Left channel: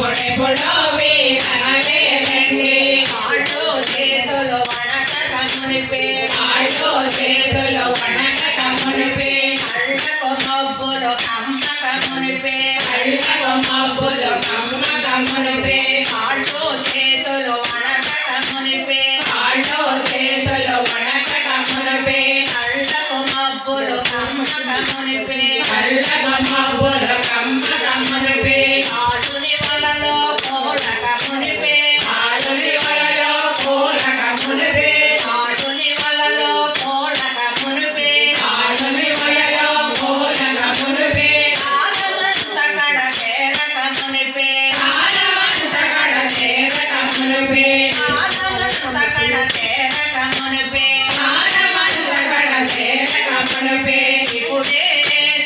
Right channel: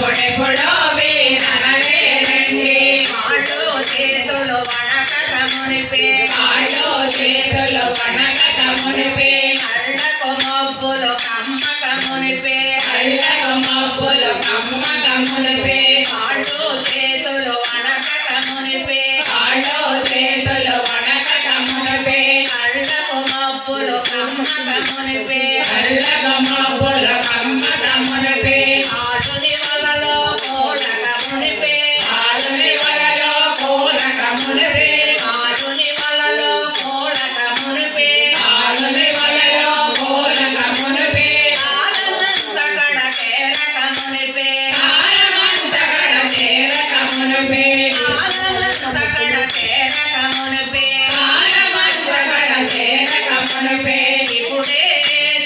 అప్పుడెప్పుడో వీరనలే రండి కాళ్ళు చేతులు వణకక మునిపే కాళ్ళు చేతులు వణకక మునిపే కళ్ళకు మబ్బులు కమ్మక మునిపే కళ్ళకు మబ్బులు కమ్మక మునిపే కాళ్ళు చేతులు వణకక మునిపే కాళ్ళు చేతులు వణకక మునిపే కళ్ళకు మబ్బులు కమ్మక మునిపే కళ్ళకు మబ్బులు కమ్మక మునిపే ఆలుని వలలో కోలక మునిపే ఆలుని వలలో కోలక మునిపే ఆలుని వలలో కోలక మునిపే ఆలుని వలలో కోలక మునిపే ఆలమంత కడ చేరక మునిపే ఆలమంత కడ చేరక మునిపే ఆలమంత కడ చేరక మునిపే ఆలమంత కడ చేరక మునిపే ఇప్పుడే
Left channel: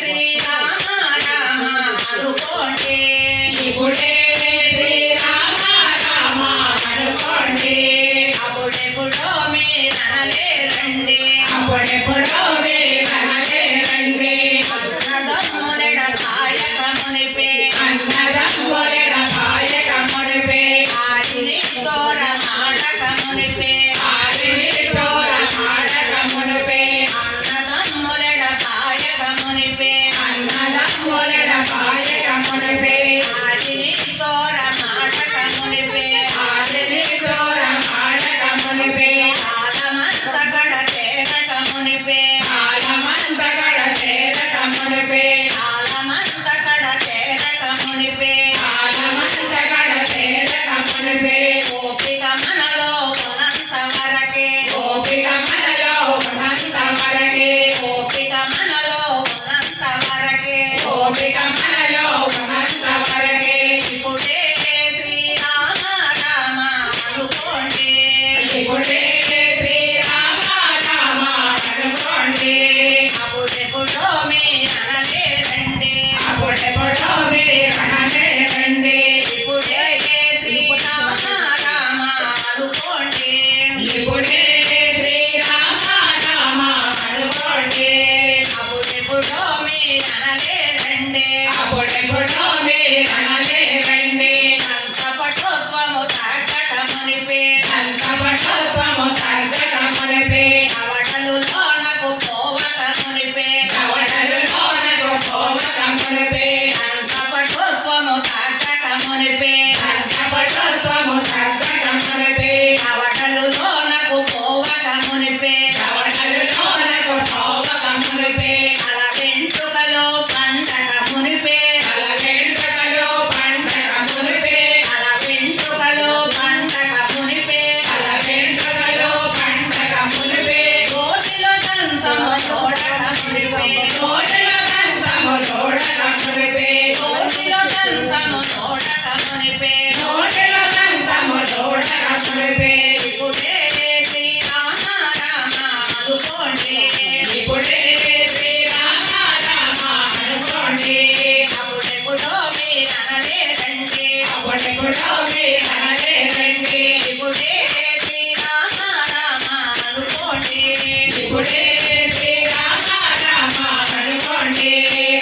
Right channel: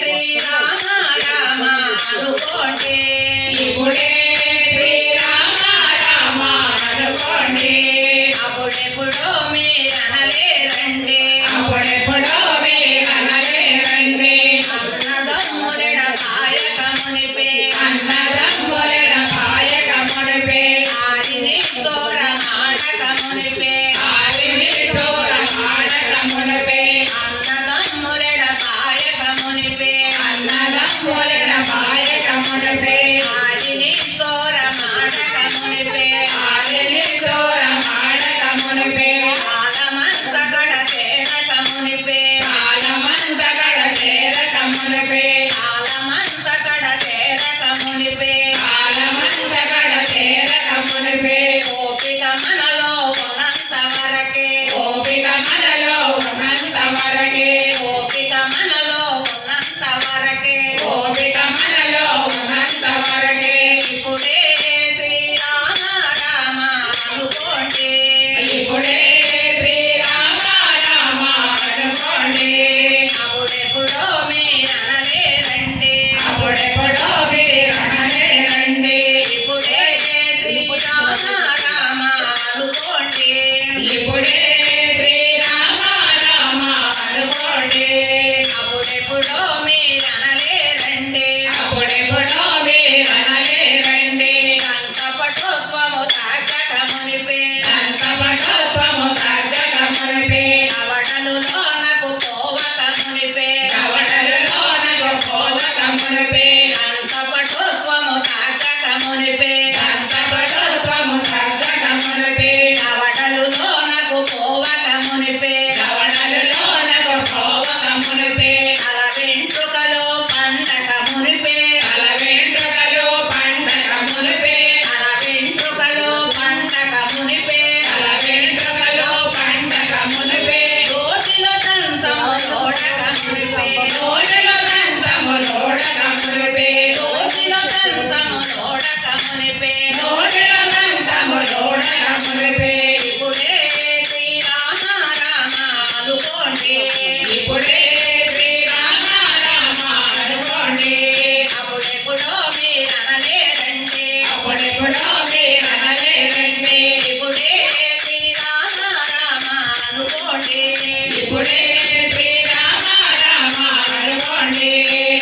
శ్రీరామ రామ అనుకోండి ఇప్పుడే శ్రీరామ రామ అనుకోండి అప్పుడెప్పుడో మీరనలే రండి అప్పుడెప్పుడో మీరనలే రండి అన్నదమ్ములెడ కాయక మునిపే అన్నదమ్ములెడ కాయక మునిపే ఆరిని తోర మాడక మునిపే ఆరిని తోర మాడక మునిపే అన్నదమ్ములెడ కాయక మునిపే అన్నదమ్ములెడ కాయక మునిపే ఆరిని తోర మాడక మునిపే ఆరిని తోర మాడక మునిపే ఆలమంత గడ చేరక మునిపే ఆలమంత గడ చేరక మునిపే ఆలమంత గడ చేరక మునిపే ఆలమంత గడ చేరక మునిపే ఓపిక మనలో ఉన్నంత వరకే ఓపిక మనలో ఉన్నంత వరకే ఓపిక మనలో ఉన్నంత వరకే ఓపిక మనలో ఉన్నంత వరకే ఇప్పుడే శ్రీరామ రామ అనుకోండి ఇప్పుడే శ్రీరామ రామ అనుకోండి అప్పుడెప్పుడో మీరనలే రండి అప్పుడెప్పుడో మీరనలే రండి ఇప్పుడే శ్రీరామ రామ అనుకోండి ఇప్పుడే శ్రీరామ రామ అనుకోండి అప్పుడెప్పుడో మీరనలే రండి అప్పుడెప్పుడో మీరనలే రండి కంఠపటుత్వము తగ్గక మునిపే కంఠపటుత్వము తగ్గక మునిపే అవడలు లోనకు పోవక మునిపే అవడలు లోనకు పోవక మునిపే కంఠపటుత్వము తగ్గక మునిపే కంఠపటుత్వము తగ్గక మునిపే అవడలు లోనకు పోవక మునిపే అవడలు లోనకు పోవక మునిపే అల వెంట్రుకలో పండగ మునిపే అల వెంట్రుకలో పండగ మునిపే అల వెంట్రుకలో పండగ మునిపే అల వెంట్రుకలో పండగ మునిపే రోటిలో దంతము లోడక మునిపే రోటిలో దంతము లోడక మునిపే రోటిలో దంతము లోడక మునిపే రోటిలో దంతము లోడక మునిపే ఇప్పుడే శ్రీరామ రామ అనుకోండి ఇప్పుడే శ్రీరామ రామ అనుకోండి అప్పుడెప్పుడో మీరనలే రండి అప్పుడెప్పుడో మీరనలే రండి ఇప్పుడే శ్రీరామ రామ అనుకోండి ఇప్పుడే శ్రీరామ రామ అనుకోండి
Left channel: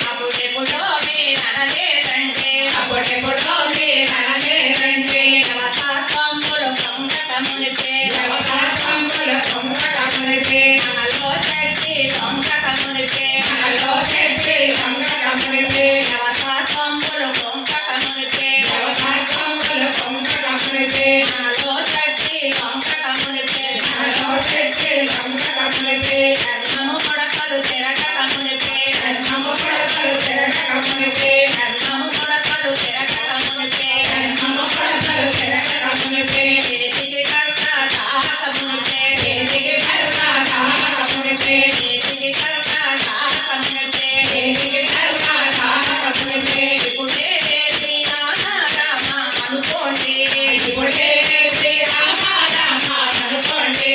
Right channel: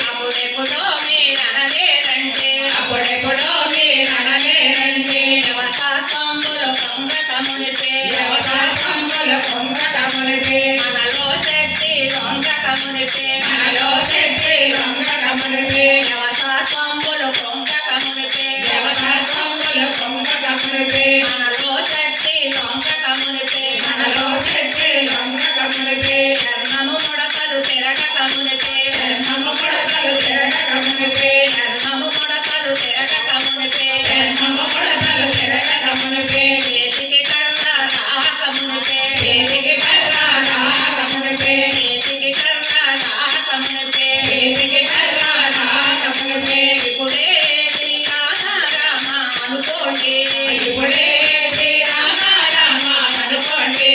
అప్పుడెప్పుడో మీరనలే రండి అప్పుడెప్పుడో మీరనలే రండి దేవతాత్మములు పొంగక మునిపే దేవతాత్మములు పొంగక మునిపే మనలో శక్తి పొంగక మునిపే మనలో శక్తి పొంగక మునిపే దేవతాత్మములు పొంగక మునిపే దేవతాత్మములు పొంగక మునిపే మనలో శక్తి పొంగక మునిపే మనలో శక్తి పొంగక మునిపే ధర్మము కొడకలు తిరగక మునిపే ధర్మము కొడకలు తిరగక మునిపే ధర్మము కొడకలు తిరగక మునిపే ధర్మము కొడకలు తిరగక మునిపే చేతికి కర్ర దాహక మునిపే చేతికి కర్ర దాహక మునిపే చేతికి కర్ర దాహక మునిపే చేతికి కర్ర దాహక మునిపే ఇప్పుడే శ్రీరామ రామ అనుకోండి ఇప్పుడే శ్రీరామ రామ అనుకోండి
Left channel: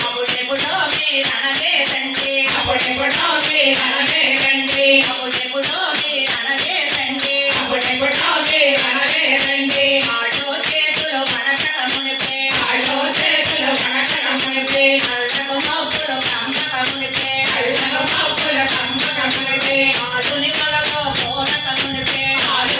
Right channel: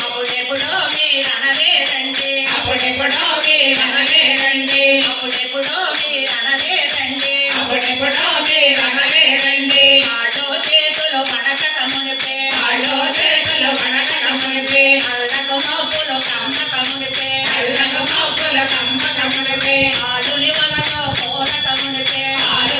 అప్పుడెప్పుడో మీరనలే రండి అప్పుడెప్పుడో మీరనలే రండి అప్పుడెప్పుడో మీరనలే రండి అప్పుడెప్పుడో మీరనలే రండి ఆడో చేతులు వణకక మునిపే ఆడో చేతులు వణకక మునిపే అల్లకు మబ్బులు కమ్మక మునిపే అల్లకు మబ్బులు కమ్మక మునిపే ఆలుని వలలో పోలక మునిపే ఆలు